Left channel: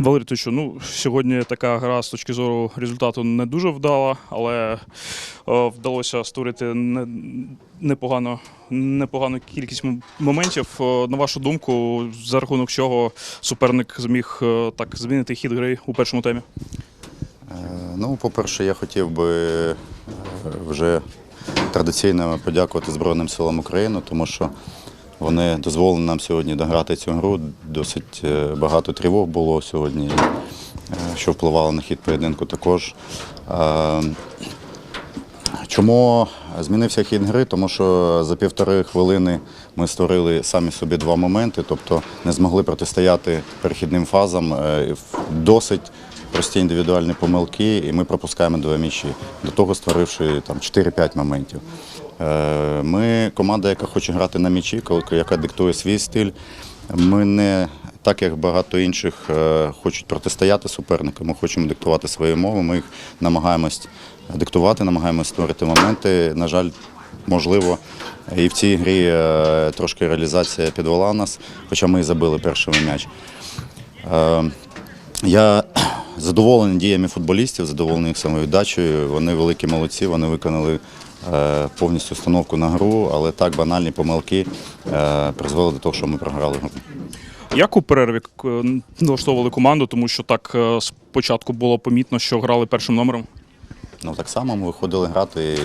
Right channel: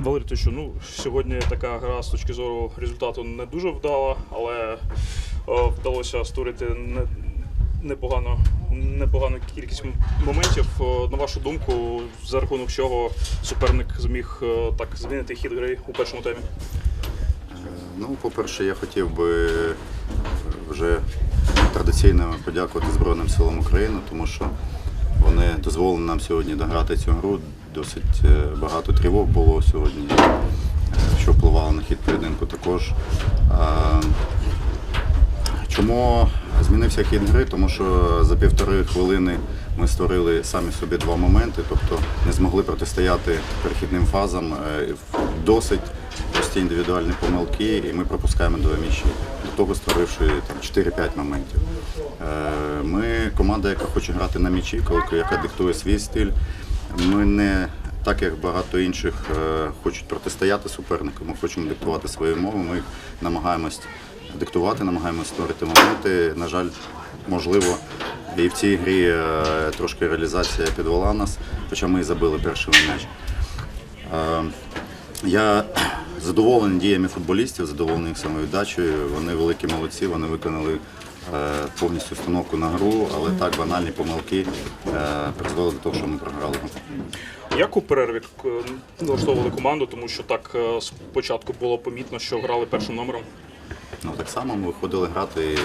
Валерій, ну, сьогодні така гра з точки зору результату не дуже вдала, але е, вдалося створити не, непогано, непогану кількість моментів. Е, на вашу думку, за рахунок чого суперник зміг е, так змінити хід гри у першому темі? Ну, по-перше, я хотів би вже традиційно подякувати Збройним силам України, тому що вони дозволили нам сьогодні дограти цю гру. Досить е, багато тривог було сьогодні, е, що впливало на хід поєдинку також. Е, Чому змінився хід гри? Тому що за півтори хвилини ми створили самі собі два моменти, тобто не змогли протистояти перехідним фазам. Досить прості індивідуальні помилки, і ми пропускаємо два м'ячі, до того створивши там 4-5 моментів. Е, Ми команда, яка хоче грати на м'ячі, яка диктує свій стиль. Ми не так як багато інших е, хочуть протистояти супернику, ми хочемо диктувати свої мови. Ми їх намагаємось диктувати, намагаємось створити моменти. На жаль, можливо, і в цій грі е, трошки реалізація підвела нас, хоча ми і забили перший м'яч. Я задоволений діями футболістів, задоволений їх самовіддачею. Вони великі молодці, вони виконали е, повністю установку на гру, але так банальні помилки е, призвели до того, що ми програли гру. Як у перерві е, налаштовували команду, тому що так е, спочатку було помітно, що грали першим номером. Ну так само ми виходили грати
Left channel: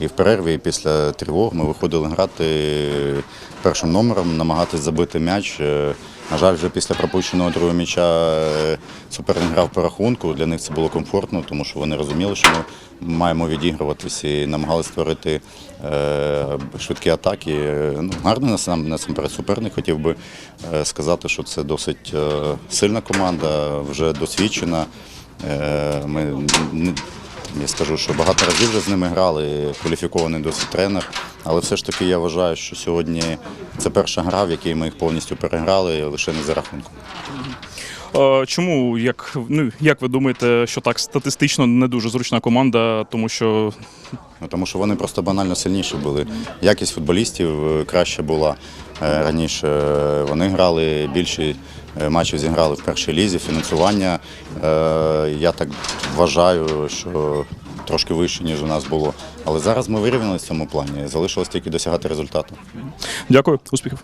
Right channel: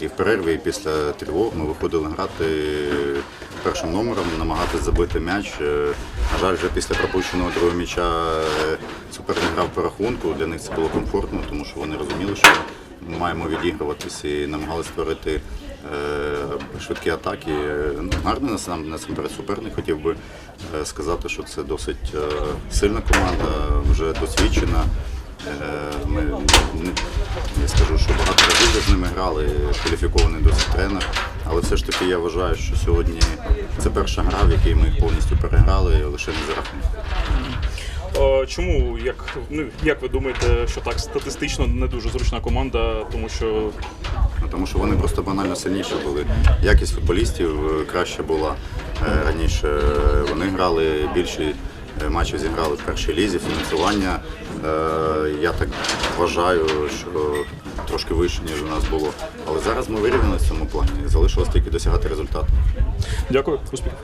і в перерві, і після тривог. Ми виходили грати першим номером, намагатися забити м'яч. На жаль, вже після пропущеного другого м'яча е, суперник грав по рахунку. Для них це було комфортно, тому що вони розуміли, що ми маємо відігруватись і намагалися створити е, швидкі атаки. Е, Ну, гарний насамперед суперник. Хотів би сказати, що це досить сильна команда, вже досвідчена. Ми я скажу, що багато разів вже з ними грали, кваліфікований досить тренер. Але все ж таки я вважаю, що сьогодні це перша гра, в якій ми їх повністю переграли лише не за рахунком. Е, Чому, як, ну, як ви думаєте, що так статистично не дуже зручна команда, тому що Ну, тому що вони просто банально сильніші були. Якість футболістів е, краще була е, раніше. Вони грали більше е, матчів зіграли в першій лізі, фінансування. е, Я так вважаю, що трошки вище, ніж у нас було. Але зараз ми вирівнялися в цьому плані. Залишилось тільки досягати результату. дякую, успіхів.